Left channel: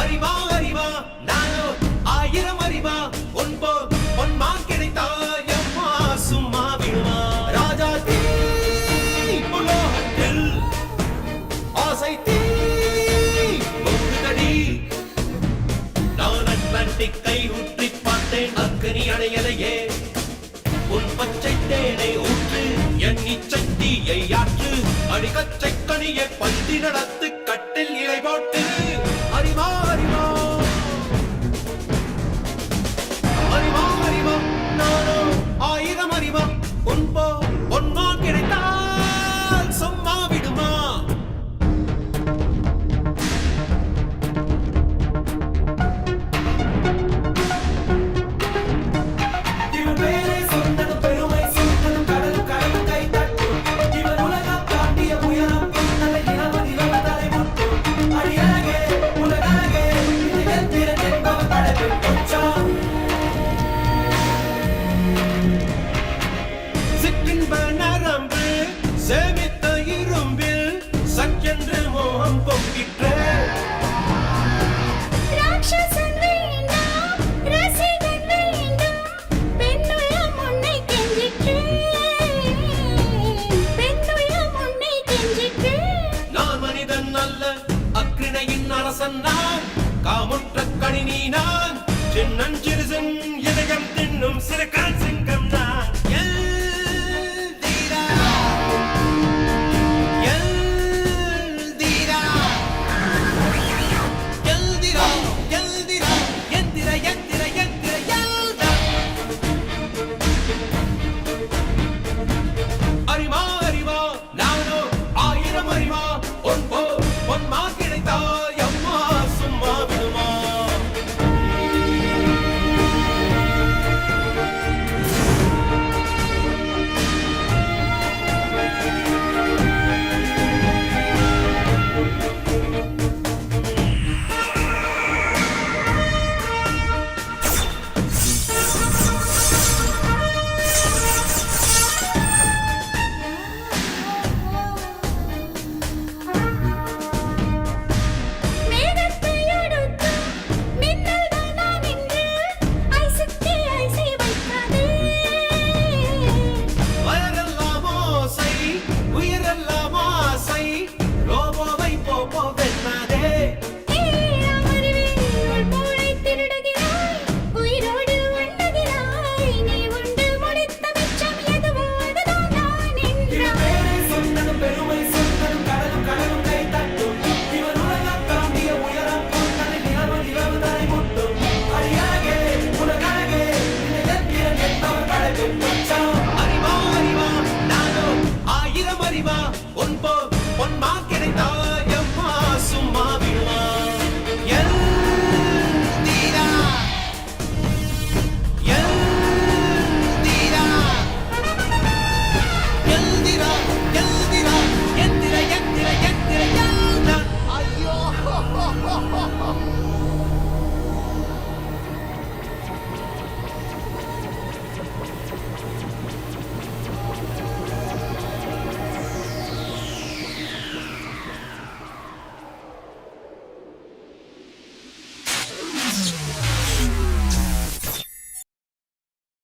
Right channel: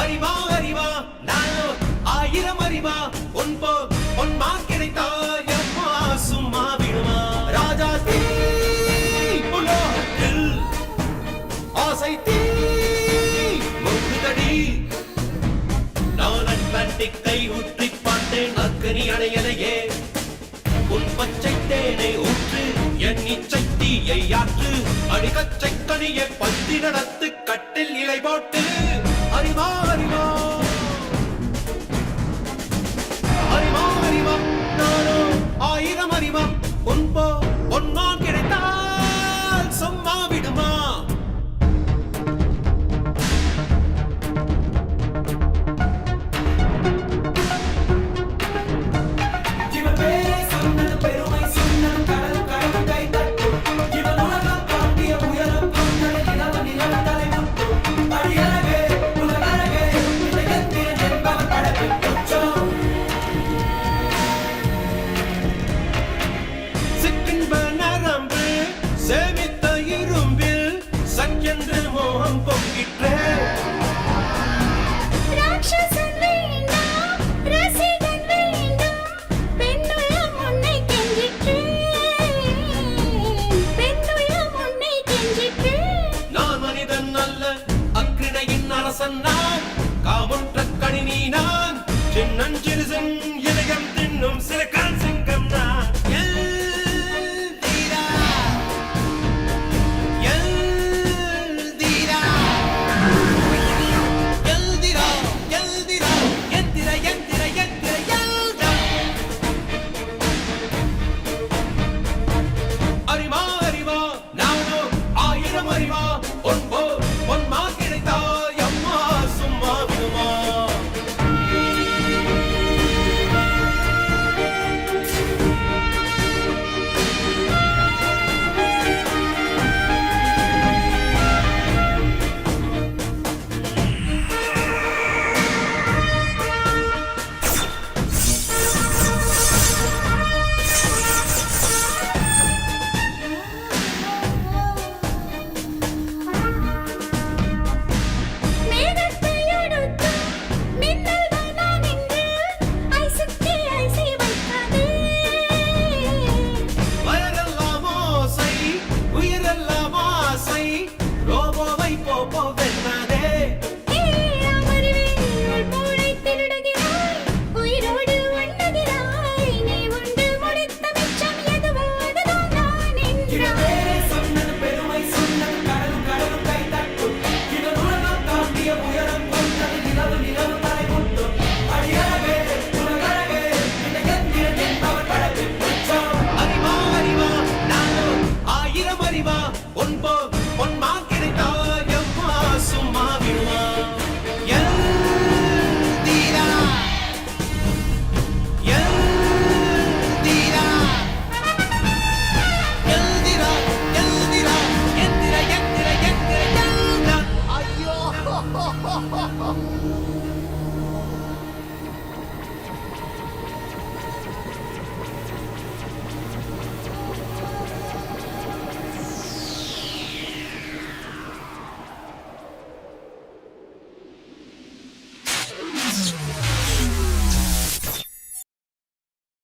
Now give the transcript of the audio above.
அறிவா அறிவா நானோ ஆயிரம் அறிவா பொன்மா கிடைத்தாயம்மா சும்மா விடுமா ராஜா தீ புலோகத்தில் ஆசை தீ முகுதடி நான் அட்லாண்டிக்கை ஊற்றி பார்த்தேன் அக்கனி அணையலையே உன் பச்சை தேனை ஊற்று என் இச்சை தீயை ஆற்று அடிகச்சை கனியை பந்தி நடத்து கட்டில் இலை போட்டு அறிவா அறிவா அறிவா அறிவா நானோ ஆயிரம் அறிவா பொன்மா கிடைத்தால் சும்மா விடுமா சேமித்த இரும்பில் சக்கென்று மோகம் பொங்கிற்றே ராட்சசன் வேண்டாம் ரசிகன் வேண்டும் பெண்ணுள்ளம் உன்னை கெஞ்சிற்றே பெண்ணுள்ளம் உன்னை கெஞ்சிற்றே நான் மனிதன் அல்ல அக்ரிணையின் அரசன் நான் காமுற்ற கணினி நான் சின்னஞ்சிறுசன் இதயம் தின்னும் சிறுகால் சிங்கம் நான் அறிவா அறிவா நானோ ஆயிரம் அறிவா பொன்மா கிடைத்தாய் அம்மா சும்மா விடுமா ரோபோவை போப்போ வெண்ணாதே அமர்வே உள் மூளை திருடுகிறாய் உயிரோடு உண்ணுகிறாய் நீ உண்டு முடித்த மிச்சம் எதுவோ அதுதான் நான் என்றாய் சொன்னது பெருமை சொன்னது கடலும் கை தட்டும் இவன் உலகம் தாண்டிய உயரம் கொண்டது நிலவு தலை முட்டும் அடியழகே உலகழகே எந்திரன் என்பவன் கடலில் மச்சான் அறிவா அறிவா நானோ ஆயிரம் அறிவா பொன்மா கிடைத்தாய்